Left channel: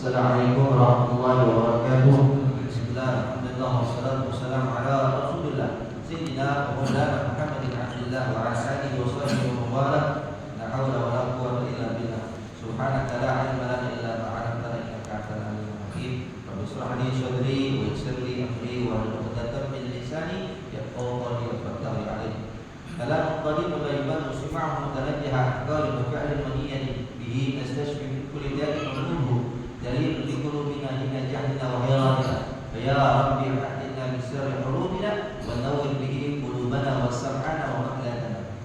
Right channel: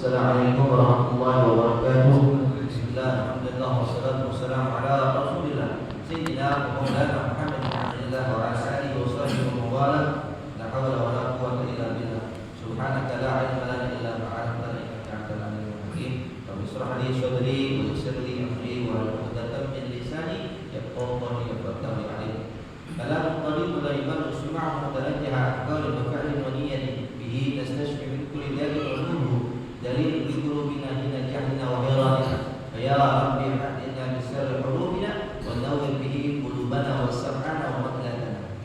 Assalamualaikum warahmatullahi wabarakatuh. Bismillah, alhamdulillah, wassalatu wassalamu ala rasulillah Sayyidina wa maulana Muhammad bin Abdillah wa ala alihi wa sahbihi wa mawala. La hawla wa la quwwata illa billah. Subhanaka la ilma lana illa ma 'allamtana innaka antal alimul hakim. Rabbi shrah li sadri wa yassir li amri wa hlul 'uqdatam min lisani yafqahu qawli wa alim. Kalam qadim la yuman usma'u mutanajjaha qawli wa fi'lin wa niyyatin bihi nastashfi min kulli da'in wa nubuh. Dalil di qulubina hina jahlina wa hayratina. Ya Rabbi hadina min sirri qulubina wa nawwir bihi qulubana wa sam'ana wa maqlatana.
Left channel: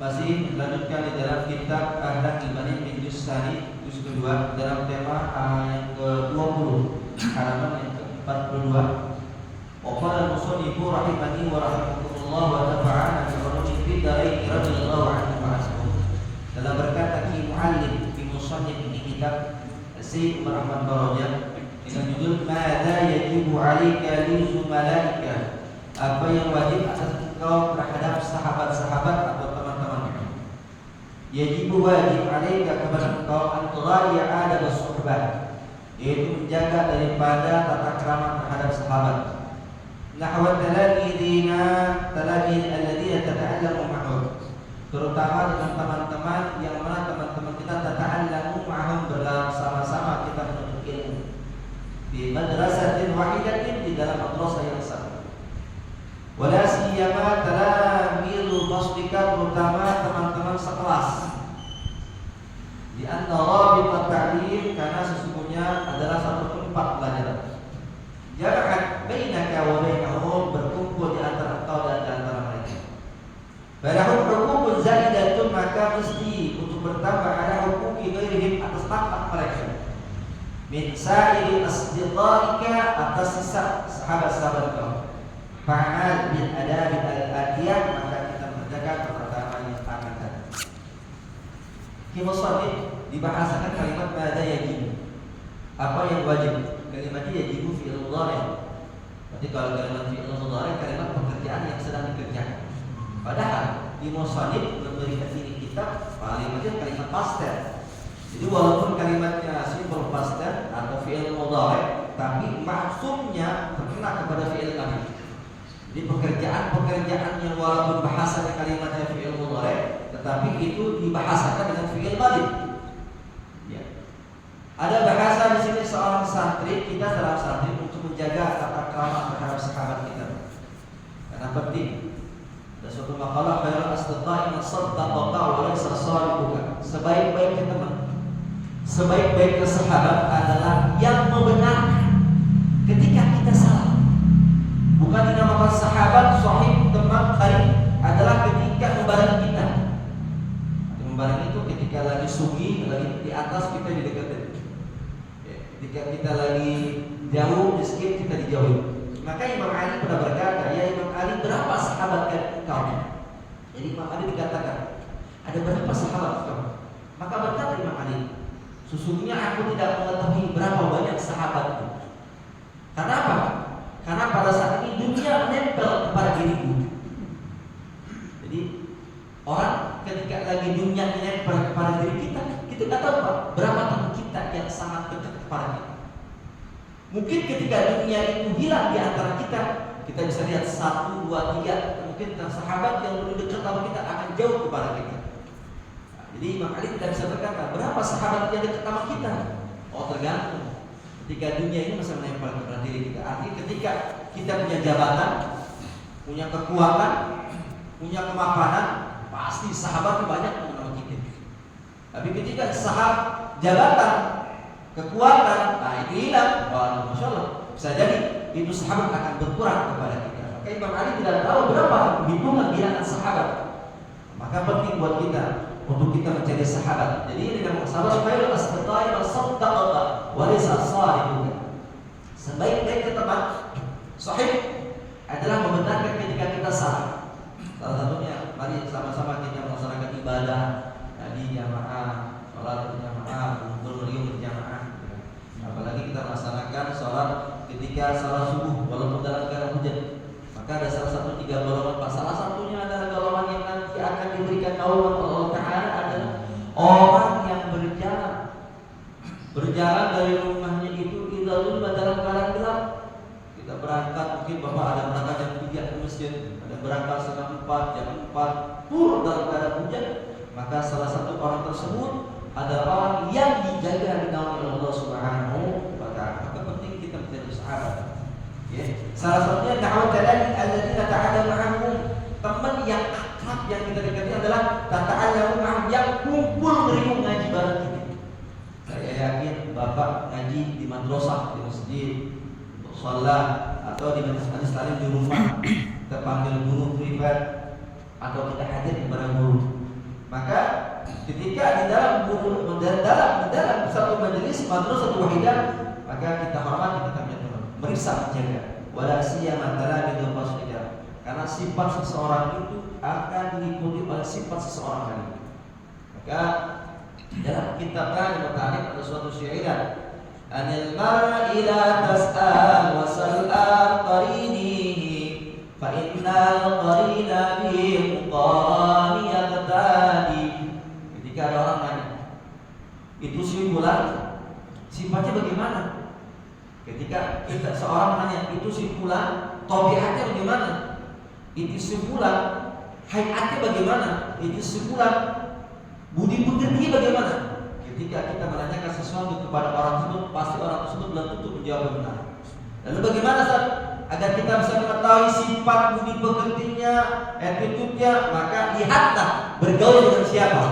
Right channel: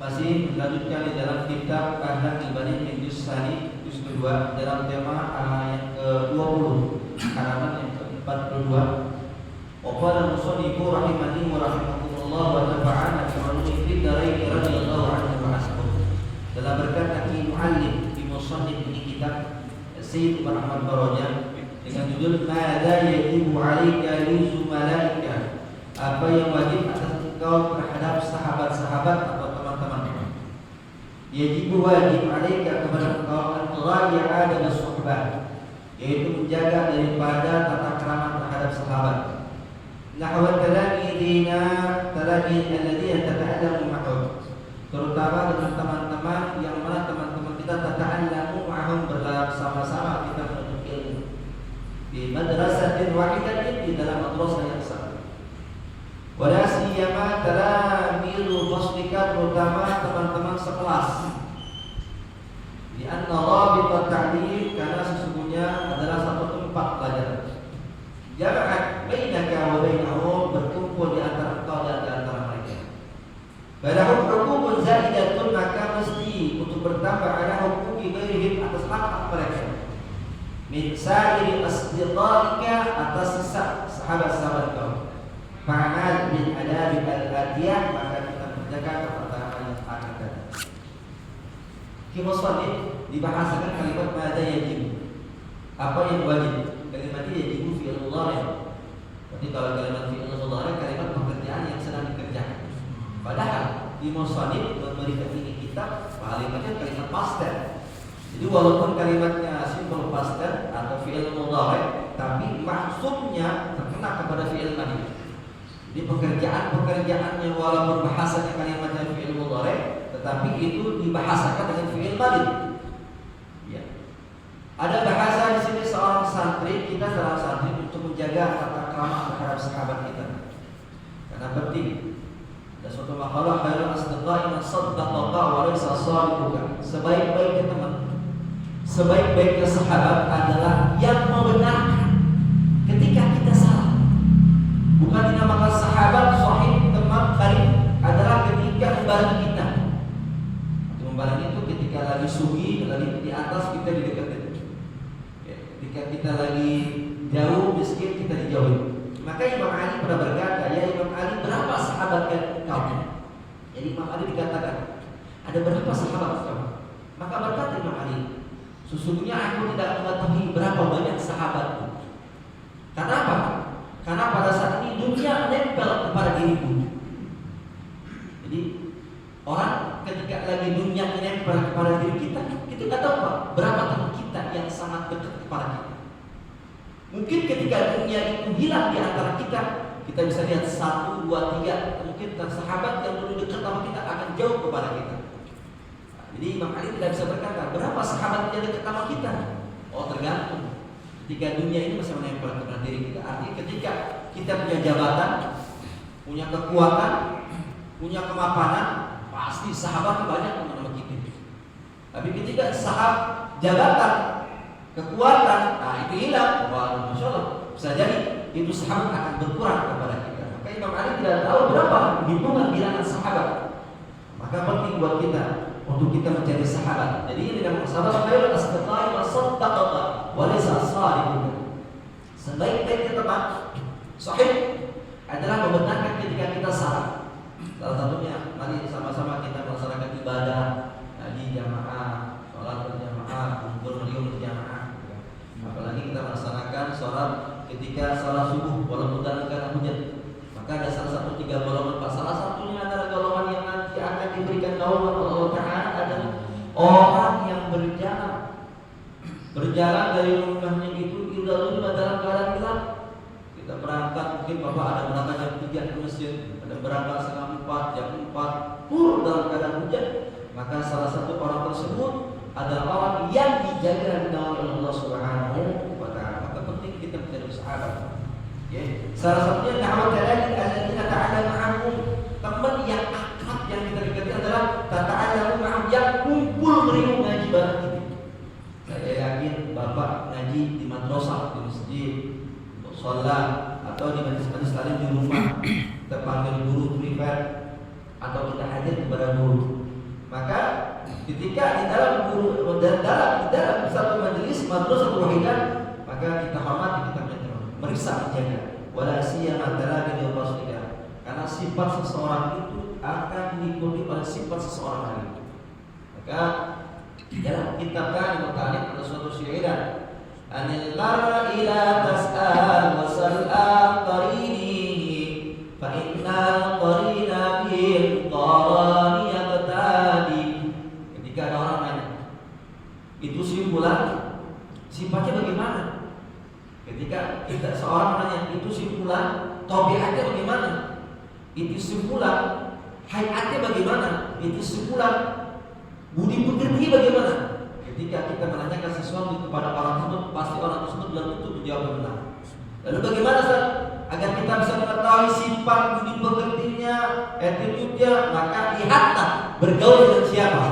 Masih melanjutkan di dalam kitab Akhlaqul Bani min juz tsani juz kedua dalam tema yang ke-20 halaman yang ke-42. Wa qala musannifu rahimani wa rahimakumullah wa nafa'ana bi ulumi fid darain radhiyallahu anhu wa ashabu. Dalam berkata Ki Muallim musannif ini kitab Sayyid Umar Ahmad Baroja dengan judul Mada yajibu 'alaika li zumalaika, apa yang wajib atas engkau terhadap sahabat-sahabat atau teman-teman. Yajibu wajib 'alaika kepada engkau antara ya adab suhbah, yaitu menjaga daripada tata krama terhadap sahabat. Nahwa talamidina talamid alladhina tata'allamu ma'hum, terutama dengan teman-teman yang mana teman-teman kita tata'allamu ma'hum, bersama-sama kita menuntut ilmu di madrasatin wahidatin, di dalam madrasah yang sama. Wala siyama talamidul faslika, terutama teman-teman sekelas. Di anna rabitat ta'lim, karena sesungguhnya adalah satu tempat pelajaran. Jangan bainaka wa bainahum, berkumpul di antara engkau dan di antara mereka. Badahum hukukun zaidatun, maka mesti untuk bertambah ada hukuki ghairihim, atas hak mereka. Min sa'iri asdiqaika, atas sisa sahabat-sahabat kau. Fa'amal bin adabi al-atiyah, maka kita kerjakan perkataan yang akan datang. Kimusannif dibahasakan kalimat mada yajib, apa yang wajib. Kalimat ini yajibu fi'il mudhari'. Berarti kalau kalimat fi'il mudhari', kalimat pekerjaan yang sedang dikerjakan. Padahal di musannif memberikan ini kitab kalimatnya kalimat past tense. Jadi walaupun kalimatnya simbol past tense atau fi'il mudhari', tapi maksudnya terkena kepada fi'il madhi. Jadi pekerjaan-pekerjaan yang walaupun bahasanya kalimatnya fi'il mudhari', tetapi itu dibahasakan dengan fi'il madhi. Ya. Ada bahasa di sini seorang santri, kita seorang santri untuk menjaga tata krama terhadap sahabat kita. Karena penting. Ada suatu makalah khairul asdiqai man saddaqaka wa laysa sadiquka. Sebaik-baiknya teman, sebaik-baiknya sahabat adalah yang ketika kita lagi jauh miskin kita dijauhi. Maka Imam Ali pernah berkata, ya Imam Ali, berapa sahabat engkau? Jadi Imam Ali dikatakan, ada berapa sahabat engkau? Maka berkata Imam Ali, sesungguhnya aku tidak mengetahui berapa banyak sahabatku. Karena apa? Karena pada saat ini dunia menempel kepada diriku. Jadi orang ketika lagi dunia menempel kepada diri kita, kita nggak tahu Pak, berapa teman kita yang sangat dekat kepada kita. Mungkin ketika dunia itu hilang di antara kita bisa lihat 1, 2, 3, mungkin sahabat yang lebih dekat sama kita akan jauh kepada kita. Jadi Imam Ali tidak bisa berkata berapa sahabat yang dekat sama kita. Oh, tergantung. Ketika dunia ini masih menempel kepada diri kita. Artinya ketika kita punya jabatan, punya kekuatan, punya kemapanan, pasti sahabat banyak sama kita. Tapi ketika sahabat jabatan, kekuatan, nah itu hilang. Wah, masya Allah. Bisa jadi itu sahabat akan berkurang kepada kita. Maka Imam Ali tidak tahu berapa hitungan bilangan sahabat. Maka penting buat kita untuk kita mencari sahabat. Jadi ini namanya sahabat khairul asdiqai wa saddaqaka wa laysa salihun. Sebaik-baiknya teman sahih adalah membenarkan ketika kita salah. Salah satunya, mari sama-sama kita melaksanakan ibadah di jamaah, sholat berjamaah, kumpul meriuh berjamaah. Apalagi kita melaksanakan sholat ketika sholat subuh walaupun dalam keadaan hujan. Maka ada salah satu 3 golongan. Salah satunya adalah golongan yang nanti akan diberikan naungan Allah Ta'ala adalah orang yang berjalan dari rumahnya itu dalam keadaan gelap. Kita berangkat, mungkin Bapak ada berangkat jam 3 ke masjid, ada berangkat setengah 4, jam 4 turun dalam keadaan hujan. Maka salah satu orang tersebut adalah orang yang dijaga di naungan Allah Subhanahu wa Ta'ala. Maka penting kita mencari sahabat. Salah satunya alladzina ta'ala ma'ahum, teman yang akrab yang kita dekati adalah tata'allamu ma'ahum, yang kumpul meriuh ngaji bareng kita. Saya yakin Bapak ngaji di madrasah, di masjid, untuk sholat, atau di majelis taklim di rumah, kita panggil guru privat atau kita hadir kepada guru. Maka ketika di dalam satu majelis madrasah wahidah, maka kita hormati, kita punya teman, meriksa, menjaga. Wala siyama talabidul fasliya, karena sifat seseorang itu akan diikuti oleh sifat seseorang lain. Maka dalam kitab Kalimut Ta'lim ada suatu syairan, anil mar'i la tas'al wa sal'an qarinihi fa innal qarina bil qarani yaqtadi. Ketika ada orang nanya, itu simpulan sifatnya bagaimana? Ketika kita seorang menanya itu simpulan tabiatnya bagaimana? Itu simpulan hayatnya bagaimana? Itu simpulan budi pekerti bagaimana? Ketika kita menanyakan sesuatu kepada orang tersebut, pasti orang tersebut belum tentu menjawab benar. Lalu bagaimana Ustaz? Agar kita bisa mengetahui sifat budi pekertinya, attitude-nya, maka lihatlah bergaul dengan siapa.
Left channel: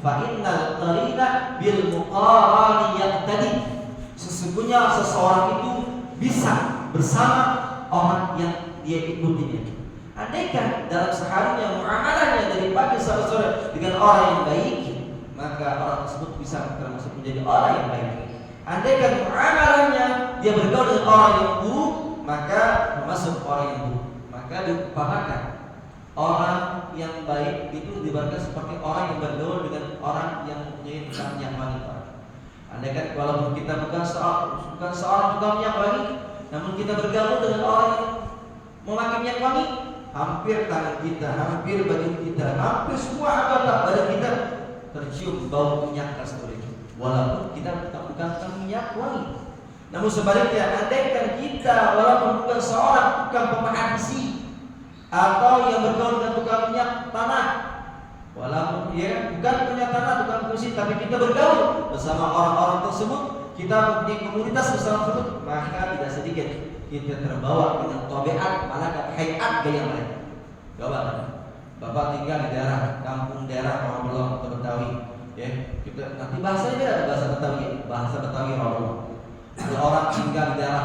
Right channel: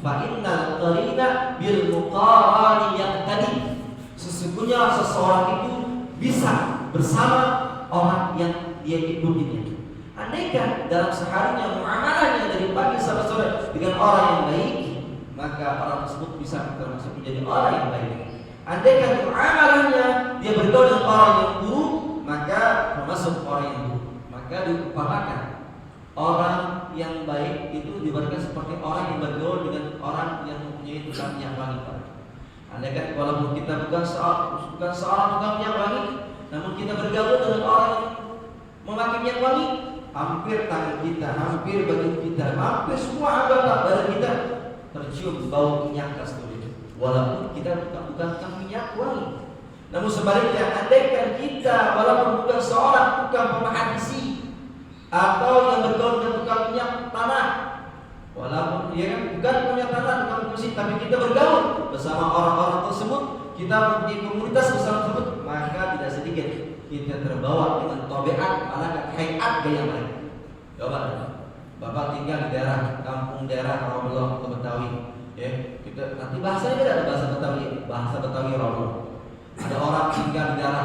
Fa innal qarina bil muqarani yaqtadi. Sesungguhnya seseorang itu bisa bersama orang yang dia ikutinya. Andaikan dalam seharinya muamalahnya dari pagi sampai sore dengan orang yang baik, maka orang tersebut bisa termasuk menjadi orang yang baik. Andaikan muamalahnya dia bergaul dengan orang yang buruk, maka termasuk orang yang buruk. Maka diumpamakan orang yang baik itu diibaratkan seperti orang yang bergaul dengan orang yang mempunyai tukang minyak wangi. Andaikan walaupun kita bukan seorang tukang minyak wangi, namun kita bergaul dengan orang yang memakai minyak wangi, hampir tangan kita, hampir baju kita, hampir semua anggota badan kita tercium bau minyak kasturi. Walaupun kita bukan tukang minyak wangi. Namun sebaliknya, andaikan kita walaupun bukan seorang tukang pemahat besi atau yang bergaul dengan tukang minyak tanah, walaupun dia kan bukan punya tanah, tukang besi, tapi kita bergaul bersama orang-orang tersebut, kita mempunyai komunitas bersama tersebut, maka tidak sedikit kita terbawa dengan tabiat, malakat, hayat gaya mereka. Coba, Bapak tinggal di daerah kampung daerah Rasulullah atau Betawi, ya, kita nanti bahasanya beda, ada bahasa Betawi Rasulullah. Ada orang tinggal di daerah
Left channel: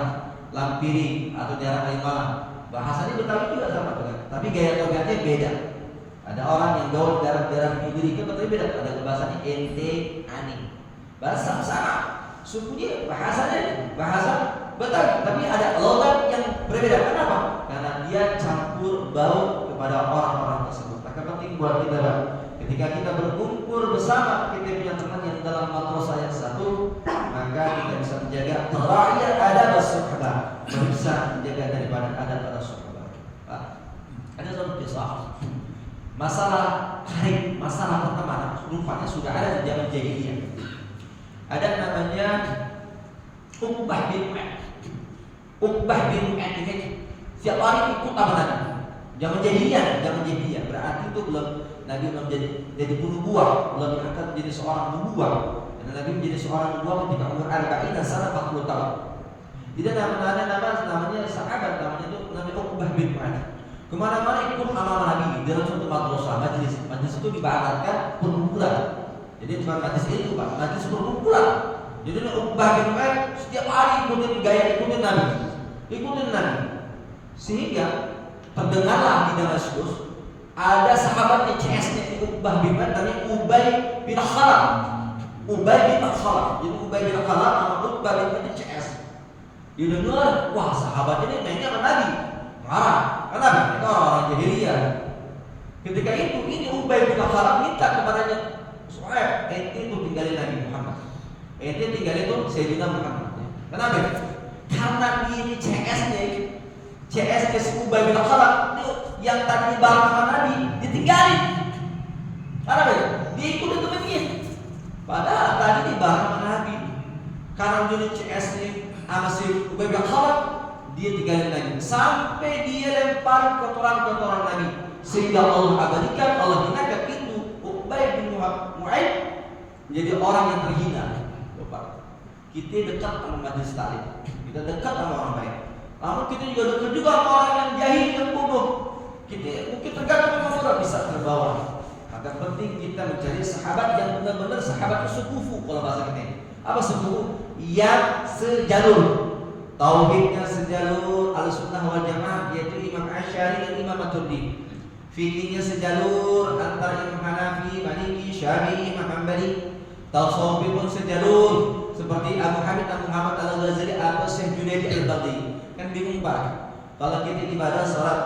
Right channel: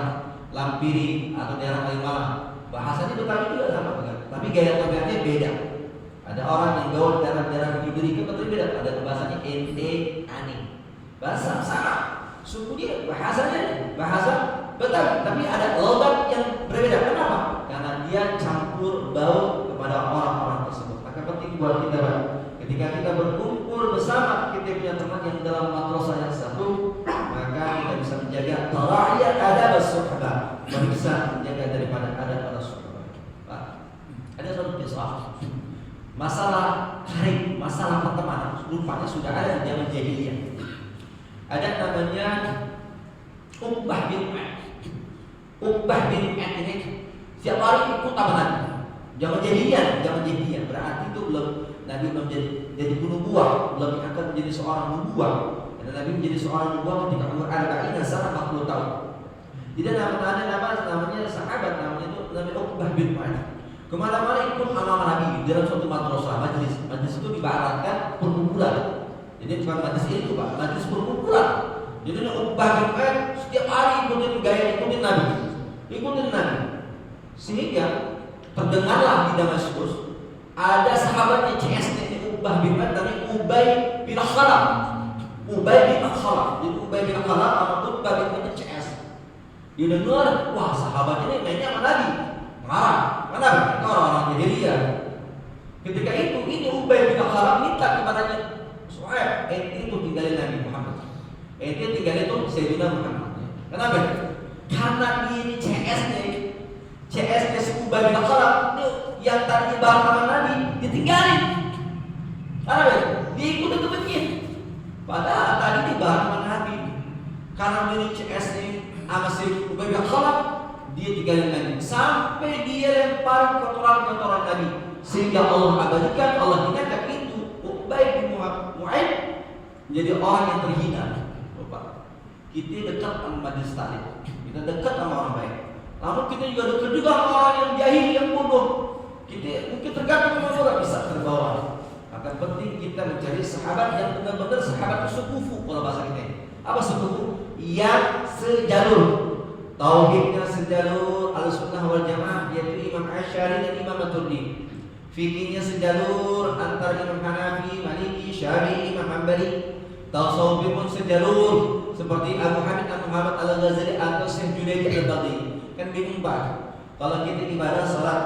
Lampiri atau daerah Kalimalang, bahasanya Betawi juga sama, tapi gaya tabiatnya beda. Ada orang yang gaul daerah-daerah Kuduri, kan beda, ada bahasanya ente, ani. Bahasa sama. suku dia bahasanya bahasa Betawi, tapi ada logat yang berbeda. Kenapa? Karena dia campur bau kepada orang-orang tersebut. Maka penting buat kita, Pak, ketika kita berkumpul bersama, kita punya teman yang dalam madrasah yang satu, maka kita bisa menjaga tara'iyat adab as-suhbah, bisa menjaga daripada adab as-suhbah. Pak, ada satu kisah masalah karib, masalah pertemanan, rupanya sudah ada di zaman jahiliyah. Ada namanya Uqbah bin Mu'ad. Uqbah bin Mu'ad ini setiap hari ikut amalan. Zaman jahiliyah berarti itu belum Nabi belum jadi nubuwah, belum diangkat menjadi seorang nubuwah. Dan Nabi menjadi seorang nubuwah ketika umur 40 sana 40 tahun. Jadi namanya sahabat, namanya itu namanya Uqbah bin Mu'ad. Kemana-mana ikut amal Nabi dalam suatu madrasah, majlis itu dibatalkan perkumpulan. Jadi bukan majlis itu, Pak, majlis perkumpulan. Jadi Uqbah bin Mu'ad setiap hari ikutin Nabi. Sehingga terdengarlah di Damaskus ada sahabatnya CS-nya Uqbah bin Mu'ad, namanya Ubay bin Khalaf. Jadi Ubay bin Khalaf sama Uqbah bin Mu'ad CS. Dia dengar, wah sahabat ini mainnya sama Nabi. Marah. Kenapa? Mereka orang-orang jahiliyah. Ketika itu ini Ubay bin Khalaf minta kepadanya, supaya ente itu tinggalin Nabi Muhammad. Ente tinggalin itu Sayyidina Muhammad. Kenapa? Karena ini CS-nya si Ubay bin Khalaf yang tadi bareng sama Nabi ditinggalin. Kenapa? Diikutin temennya. Padahal tadi di bareng sama Nabi. Karena ini CS-nya sama si Ubay bin Khalaf, dia tinggalin Nabi sampai dia lempar kotoran-kotoran Nabi, sehingga Allah abadikan, Allah hinakan itu Ubay bin Mu'ad menjadi orang yang terhina. Bapak, kita dekat sama majlis taklim, kita dekat sama orang baik. Namun kita juga dekat juga sama orang yang jahil, yang bodoh. Kita mungkin tergantung sama orang bisa terbawa. Maka penting kita mencari sahabat yang benar-benar sahabat sekufu, kalau bahasa kita. Apa sekufu? Yang sejalur. Tauhidnya sejalur Ahlussunnah wal Jamaah, yaitu Imam Asy'ari dan Imam Maturidi. Fikihnya sejalur antara Imam Hanafi, Maliki, Syafi'i, Imam Hanbali. Tasawufnya pun sejalur seperti Abu Hamid Muhammad Al-Ghazali atau Syekh Junaidi Al-Baghdadi. Kan bingung, Pak, kalau kita ibadah salat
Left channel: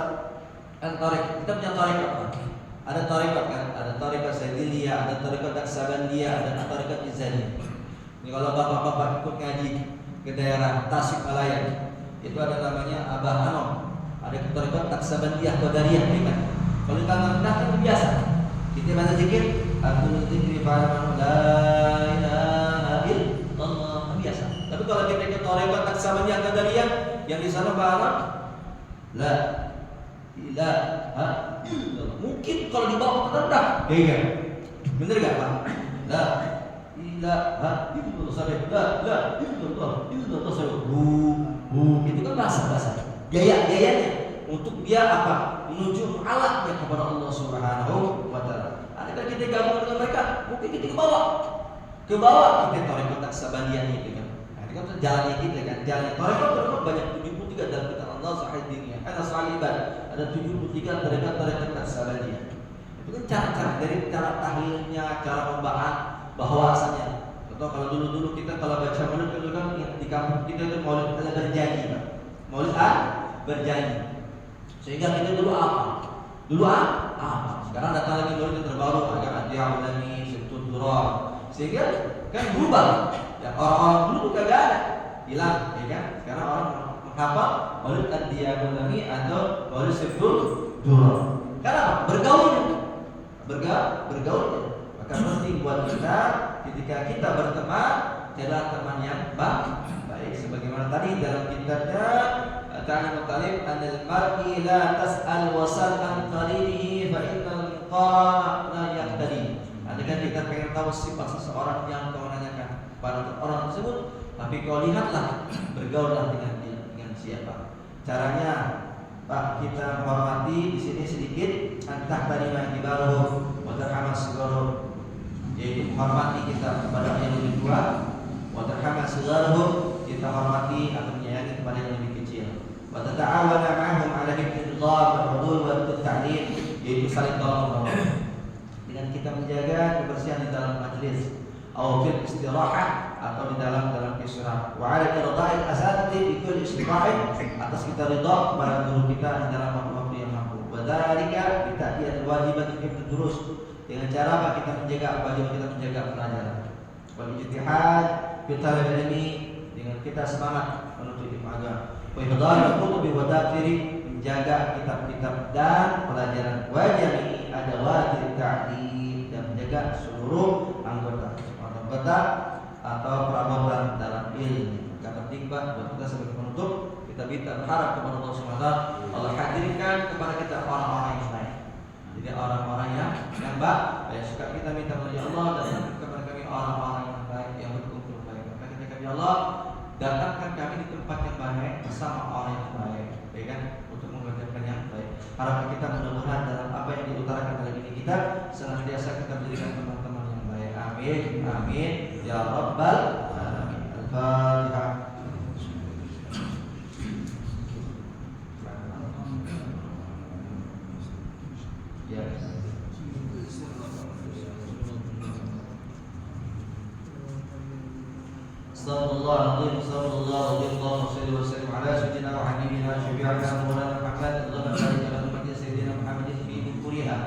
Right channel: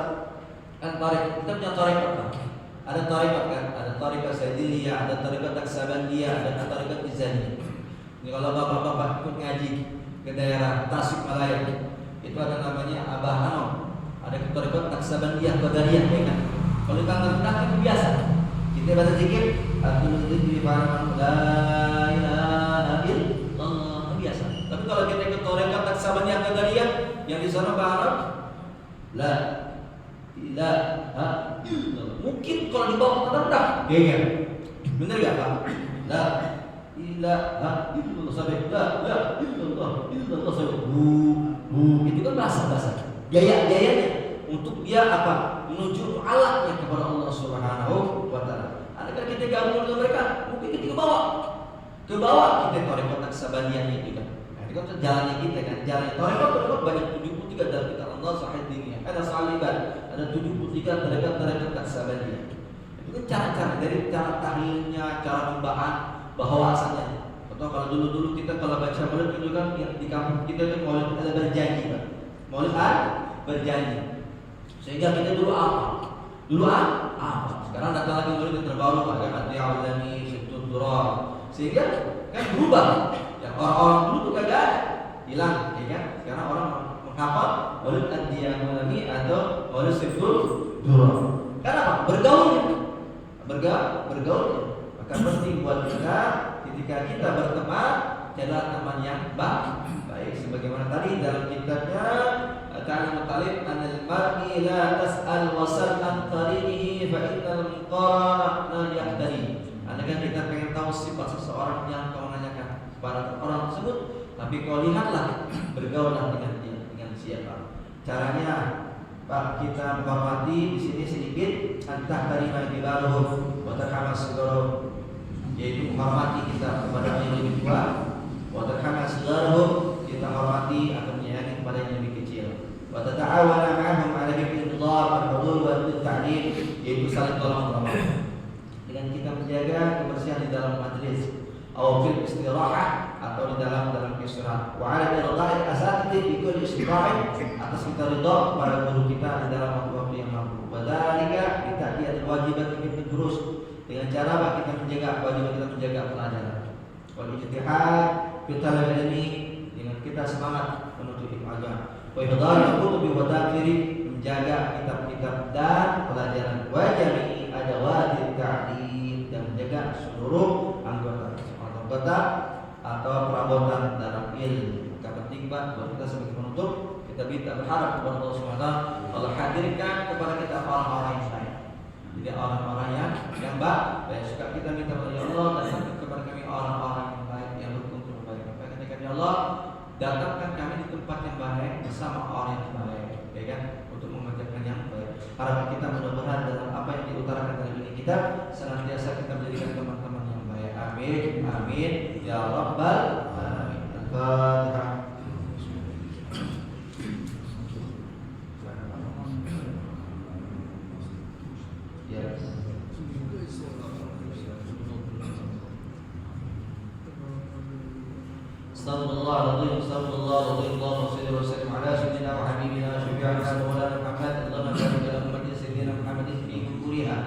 kan tarekat, kita punya tarekat, Pak. Ada tarekat kan, ada tarekat Saidiliyah, ada tarekat Naksabandiyah, ada tarekat Tizaniyah. Ini kalau bapak-bapak ikut ngaji ke daerah Tasikmalaya, itu ada namanya Abah Anom, ada tarekat Naksabandiyah, Qadariyah, ya kan. Kalau kita rendah kan biasa, kita baca zikir, Abdul Dzikri fa'alam la ilaha illallah, biasa. Tapi kalau kita ikut tarekat Naksabandiyah, Qadariyah, yang di sana Baharam la ilaha illallah, mungkin kalau dibawa ke rendah, ya, bener gak, Pak? La ilaha illallah sampai la illallah sampai itu kan bahasa gayanya untuk dia apa? Menuju mu'alaknya kepada Allah Subhanahu wa taala. Adakah kita gabung dengan mereka? Mungkin kita ke bawah kita tarekat Naksabandiyah itu kan. Nah, itu kan jalannya kita kan. Jalannya tarekat banyak 73 dalam kitab Allah Sahih Diniyah. Ada saliban, ada 73 tarekat Naksabandiyah. Itu kan cara-cara dari cara tahlilnya, cara pembacaan bahwasanya. Atau kalau dulu kita kalau baca maulid itu kan di kampung kita itu maulid ada berjanji, Pak. Maulid berjanji. Sehingga kita dulu apa? Sekarang datang lagi maulid yang terbaru, agak Adiyahulami, Syaitud Durar. Sehingga kan berubah. Ya, orang-orang dulu tuh kagak ada, hilang, ya kan? Sekarang orang menghafal maulid Adiyahulami atau maulid Syaitud Durar. Kenapa? Bergaulnya. Maka penting buat kita ketika kita berteman, adalah teman yang baik. Sebagaimana tadi dalam kitabnya Ta'limut Talib, anil mar'i la tas'al wasal an qarinihi fa innal muqarana la yaqtadi. Andaikan kita pengen tahu sifat seseorang, yang kau nanyakan pada orang tersebut, tapi kau lihatlah, bergaullah dengan siapa. Caranya, Pak, kita menghormati di sini sedikit antah dari ma'ibaruh wa tarhamah sigharuh, yaitu menghormati kita kepada yang lebih tua, wa tarhamah sigharuh, kita hormati atau menyayangi kepada yang lebih kecil, wa tata'awana ma'ahum 'ala hifdzillah wal hudud wa ta'lim, yaitu saling tolong menolong dengan kita menjaga kebersihan di dalam majlis, atau fil istirahah, atau di dalam keistimewaan. Wa 'ala irda'il asatidz bi kulli istita'in, atas kita ridha kepada guru kita di dalam waktu yang mampu. Wa dzalika bi ta'diyatil wajibat fi durus, dengan cara apa kita menjaga kewajiban kita menjaga pelajaran. Wal ijtihad fi talabil ilmi, dengan kita semangat menuntut ilmu agama. Wa ihdarul kutubi wa dafiri, menjaga kitab-kitab dan pelajaran. Wa jami'i adawatit ta'lim, dan menjaga seluruh anggota atau perabotan dalam ilmu. Maka penting Pak buat kita sebagai penutup, kita minta berharap kepada Allah SWT, Allah hadirkan kepada kita orang-orang yang baik. Jadi orang-orang yang baik, yang suka kita minta kepada Allah, datangkan kepada kami orang-orang yang baik yang berkumpul baik. Maka ketika ya Allah datangkan kami di tempat yang baik bersama orang yang baik, ya kan, untuk mengerjakan yang baik. Harapan kita mudah-mudahan dalam apa yang diutarakan dalam ini kita senantiasa kita menjadikan teman-teman yang baik. Amin, amin ya rabbal alamin. Al-Fatihah. Ya. Astagfirullahaladzim, astagfirullahaladzim, Allahumma salli wa sallim ala sayyidina wa habibina syafi'ina Muhammad. Allahumma barik ala ummati sayyidina Muhammadin fi bukuriha.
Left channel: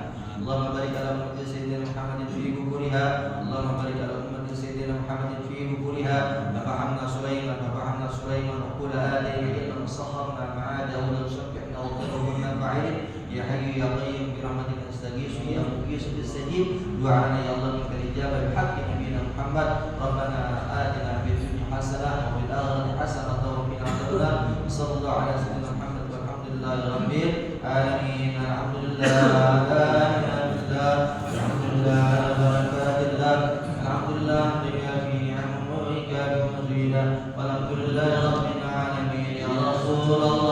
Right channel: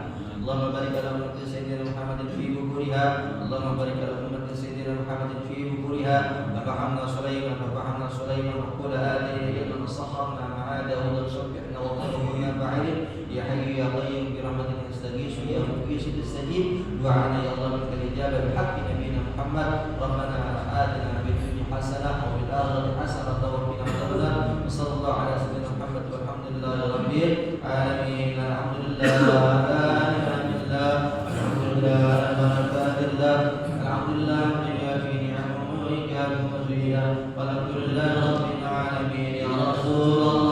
Allahumma barik ala ummati sayyidina Muhammadin fi bukuriha. Allahumma barik ala ummati sayyidina Muhammadin fi bukuriha. Fahamna Sulaiman wa qula atayna ilman sahharna ma'a Dawud sabbihna wa qulna fa'ilin ya hayyu ya qayyum bi rahmatika nastaghith ya mughis istajib du'ana ya Allah minka al-ijabah bi haqqi nabiyina Muhammad. Rabbana atina fid dunya hasanah wa fil akhirati hasanah wa qina adzabannar. Sallallahu ala sayyidina Muhammad walhamdulillahi rabbil alamin. Alhamdulillah, alhamdulillah, alhamdulillah, alhamdulillah bima fi ni'amika wa mazida. Walhamdulillah rabbil alamin ya Rasulullah.